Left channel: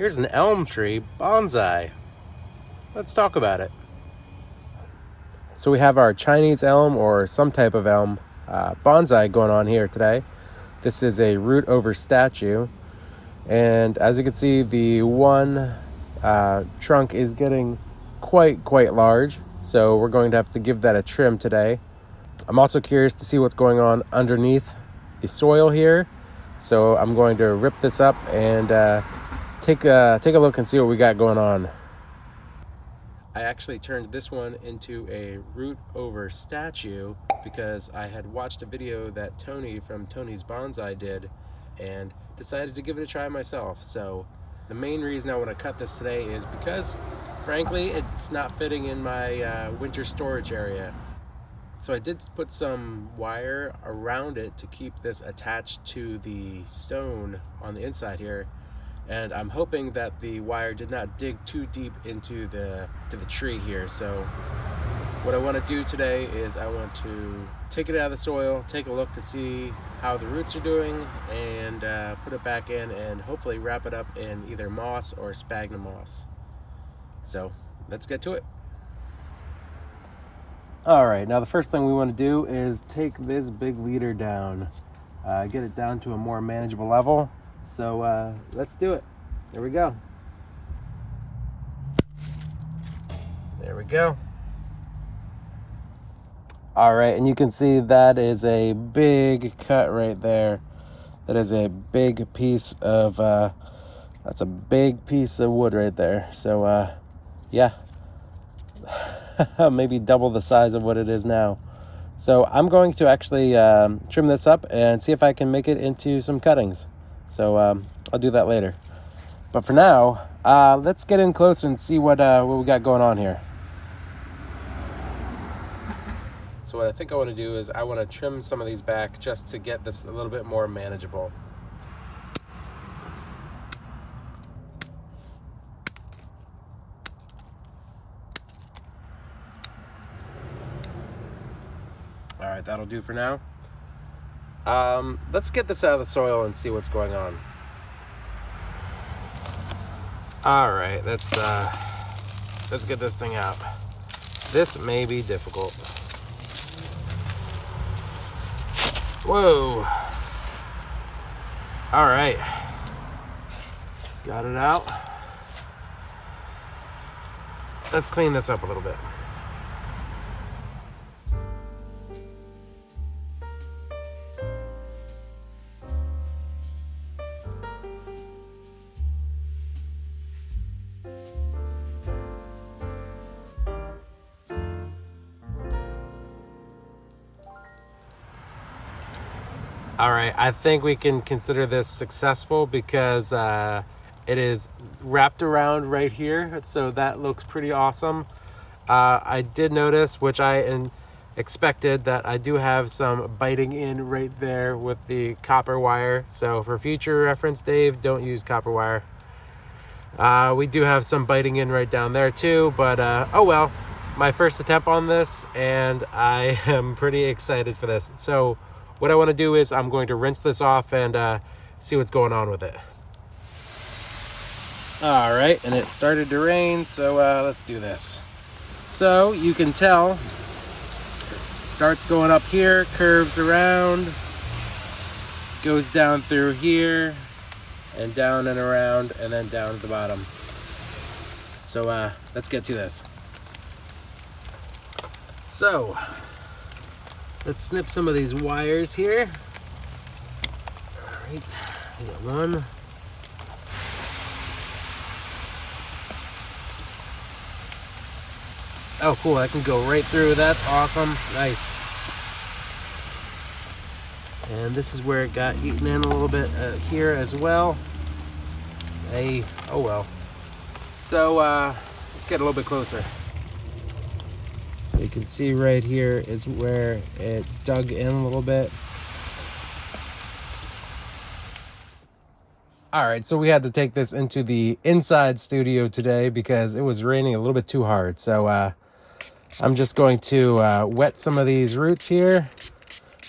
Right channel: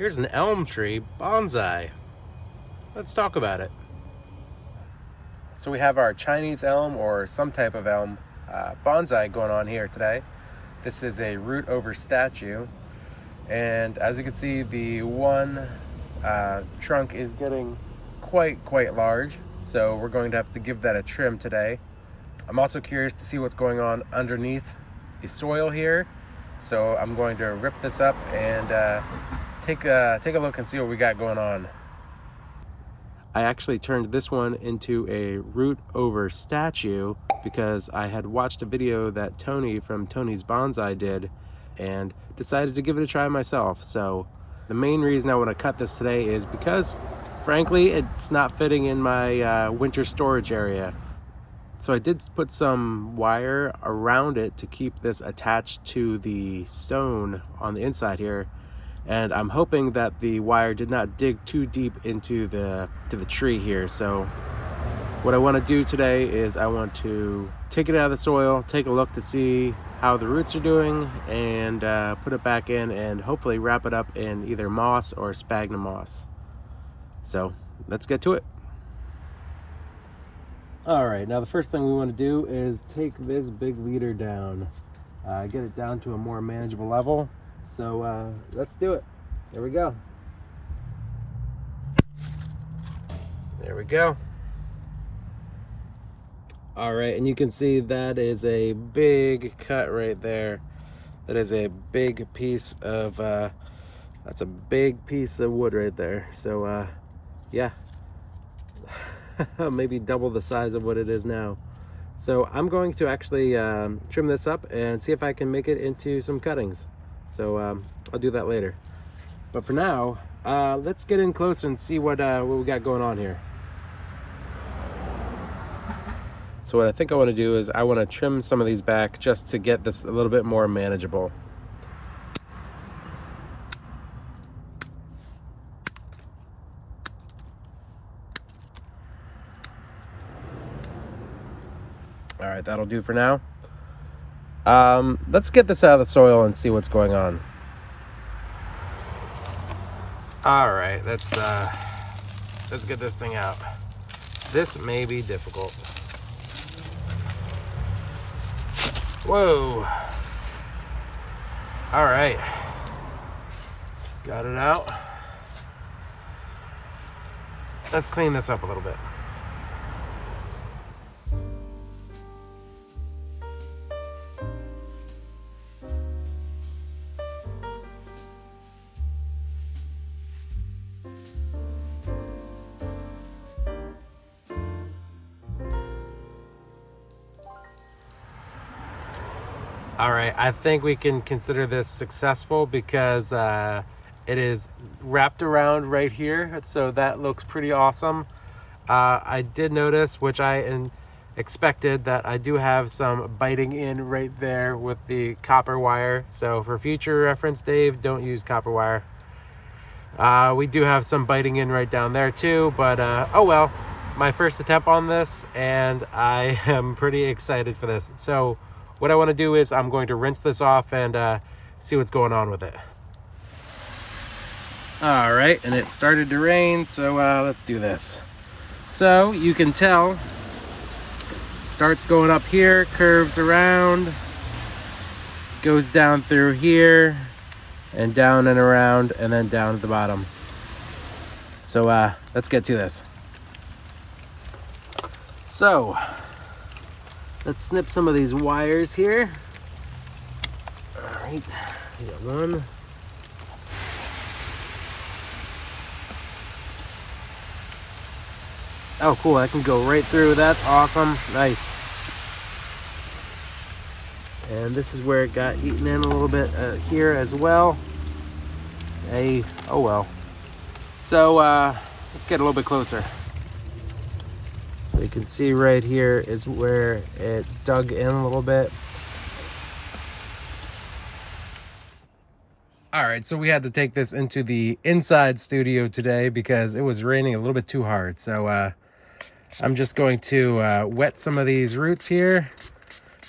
Here's an elm tree, bonsai. Let's talk about it. So we have our Chinese elm or some type of elm bonsai going on here today. This is a root over statue. And as you can see, the one trunk is getting quite large. So we're going to have to give that a trim today. I'm also curious to see what's going on underneath the soil here. So I'm going to rip this up and take a look and see what we got going on. I actually turned this one into a root over statue because I had watched a video that Tony from Tony's Bonsai did and decided to give it a try myself. So the main reason I want to cut this today is because frankly it's not fitting in my winter storage area. So I did put some wire around it to keep this attached to the stone on the inside here, and I'm hoping that the wire did not dig too deep into the tree here. So what I want to do today is I want to take it out of the soil, take a look to see how the roots are doing, and put it back in and hopefully wrap it up in either moss or sphagnum moss. So let's get to it. All right, now the first thing we want to do is take this big leader down, get it down to a more manageable level. So let's do it. There we go. There we go. All right, and you can see that is a big cut right there. That is a big piece of, that's a big piece of wood right there. So yeah. Maybe double the size of what it is now. So I'm going to actually trim this up and see if I can make it into some cuttings. So I'll do that later. But for now, let's get in close and see what we got going on here. So what I think I want to do is I want to trim some of these back just to get this a little bit more manageable. All right, that'll do for now. Let's get this out of the soil and see what's going on. All right, let's get this thing out. This may be difficult. Whoa. All right. Got it out. Let's clean this up a little bit. All right, I think we can consider this successful because it is wrapped around right here, so that looks pretty awesome. I did notice, which I expected, that I do have some biting in right there with the copper wire. So for future reference, Dave, don't use copper wire. We do have some biting in right down there too, but oh well. My first attempt on this, and I am pretty excited for this. So what I want to do is I'm going to rinse this off and see what's going on with it. All right, and it started to rain, so let's do this. So you can tell it starts going up here, curves around, goes down through here, and down and around, and then down at the bottom. So let's get to this. So let's snip some of these wires here. All right, we got one. Oh, cool, I can go right through. That's awesome. Nice. And this is where it got eaten in a little bit here as well. Hey, oh well. So let's get a little bit closer. So you can see right here is where it dug in a little bit. All right, so we had to take this into the inside studio today because it was raining a little bit too hard. So I'm just going to wet some of these roots here,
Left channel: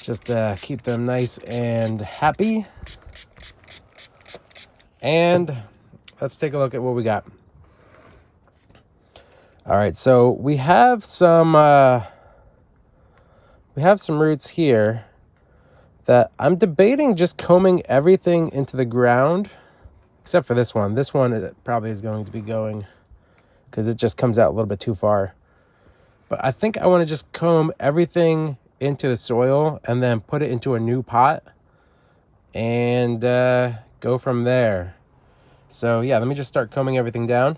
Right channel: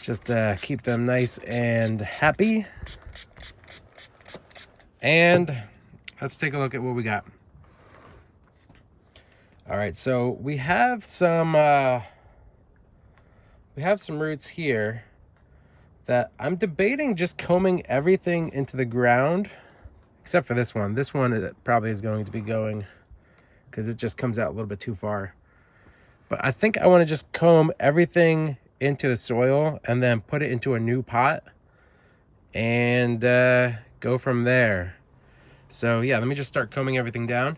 just keep them nice and happy. And let's take a look at what we got. All right, so we have some roots here that I'm debating just combing everything into the ground, except for this one. This one it probably is going to be going because it just comes out a little bit too far. But I think I want to just comb everything into the soil and then put it into a new pot and go from there. So yeah, let me just start combing everything down.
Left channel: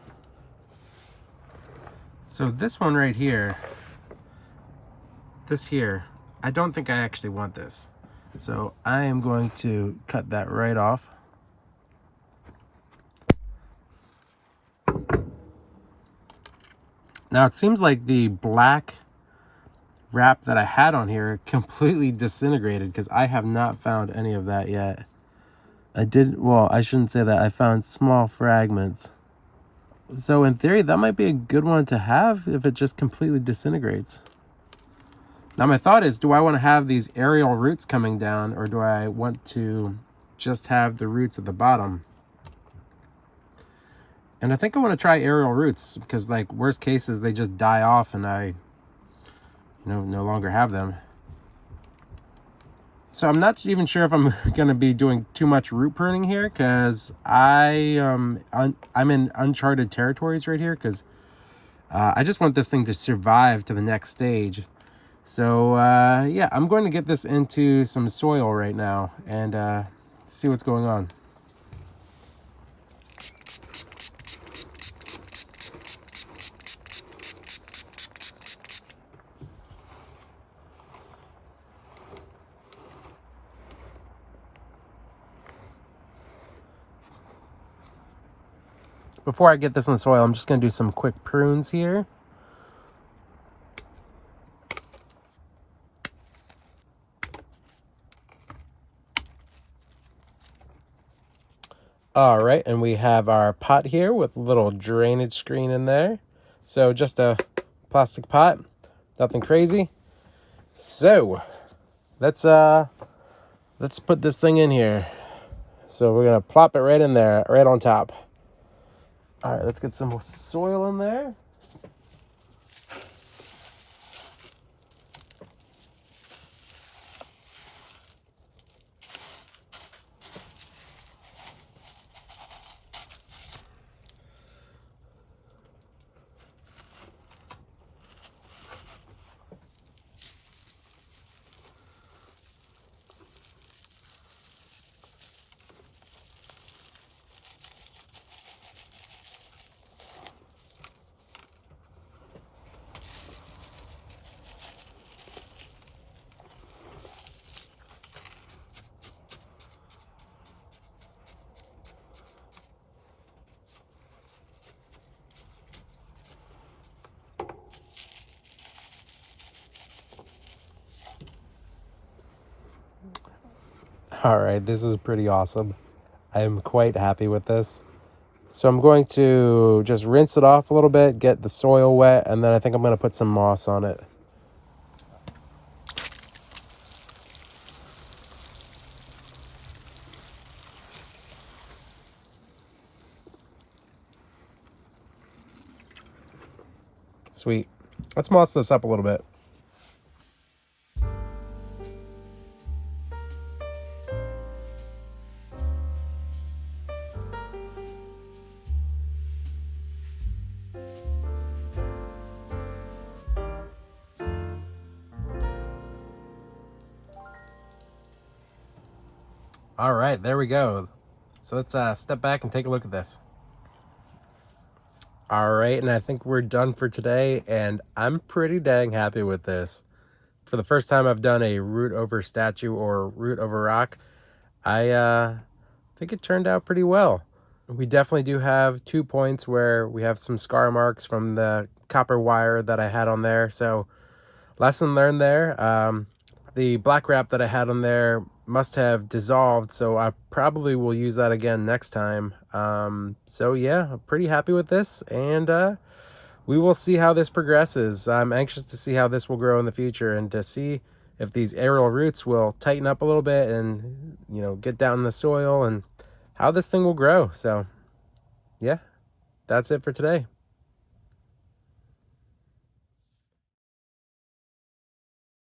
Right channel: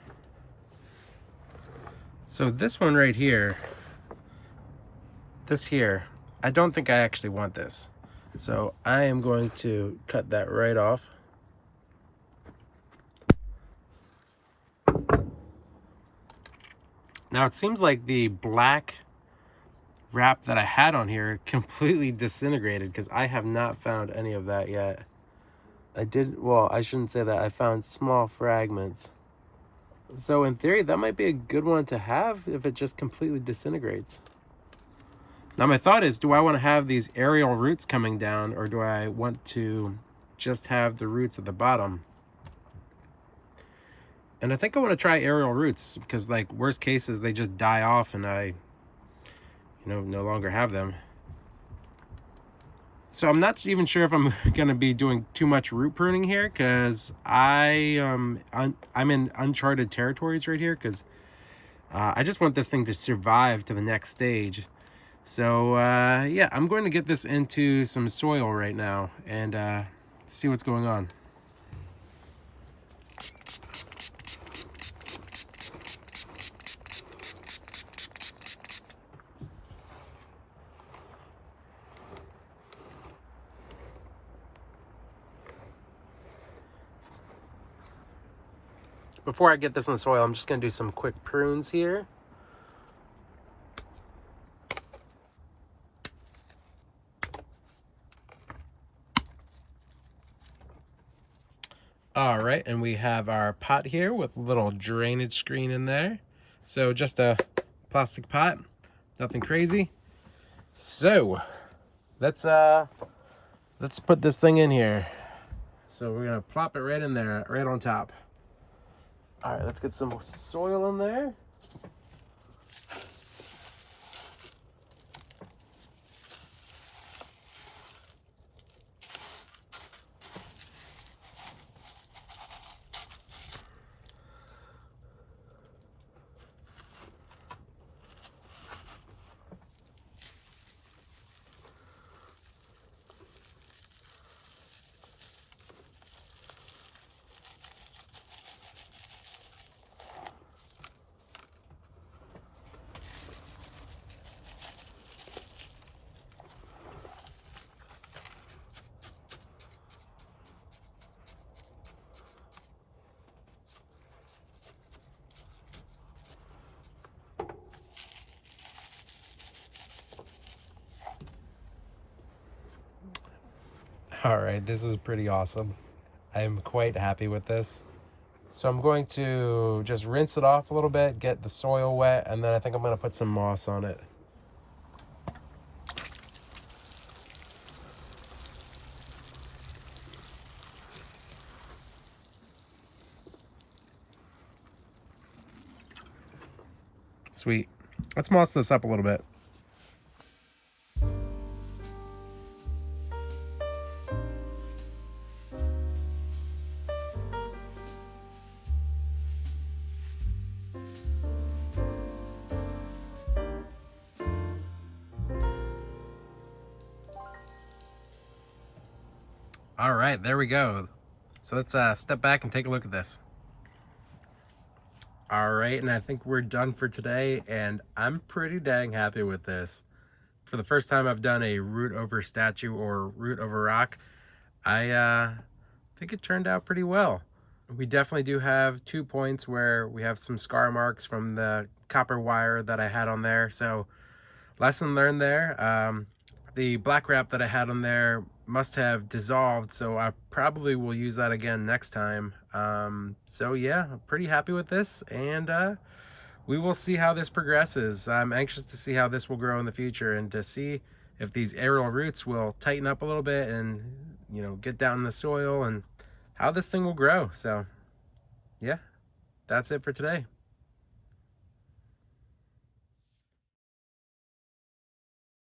So this one right here, this here, I don't think I actually want this. So I am going to cut that right off. Now it seems like the black wrap that I had on here completely disintegrated because I have not found any of that yet. Well, I shouldn't say that. I found small fragments. So in theory, that might be a good one to have if it just completely disintegrates. Now my thought is, do I want to have these aerial roots coming down, or do I want to just have the roots at the bottom? And I think I want to try aerial roots because, like, worst cases, they just die off and I, no longer have them. So I'm not even sure if I'm going to be doing too much root pruning here because I'm in uncharted territories right here because I just want this thing to survive to the next stage. So yeah, I'm going to get this into some soil right now and see what's going on. Before I get this in the soil, I'm just going to do some quick prunes here. All right, and we have our pot here with a little drainage screen in there. So just a plastic pot, nothing crazy. So let's put this thing in here. So we're gonna plop it right in there, right on top. All right, let's get some soil in there. All right, this is pretty awesome. I am quite happy with this. So I'm going to just rinse it off a little bit, get the soil wet, and then I think I'm going to put some moss on it. Sweet. Let's moss this up a little bit. All right, there we go. So let's step back and take a look at this. All right, and I think we're done for today, and I'm pretty dang happy with this. For the first time I've done a root over statue or root over rock, I think it turned out pretty well. We definitely do have 2 points where we have some scar marks from the copper wire that I had on there, so lesson learned there. The black wrap that I had on there must have dissolved, so I probably will use that again next time. So yeah, I'm pretty happy with this, and we will see how this progresses. I'm anxious to see how this will grow in the future and to see if these aerial roots will tighten up a little bit and, get down in the soil and how this thing will grow. So yeah, that's it for today.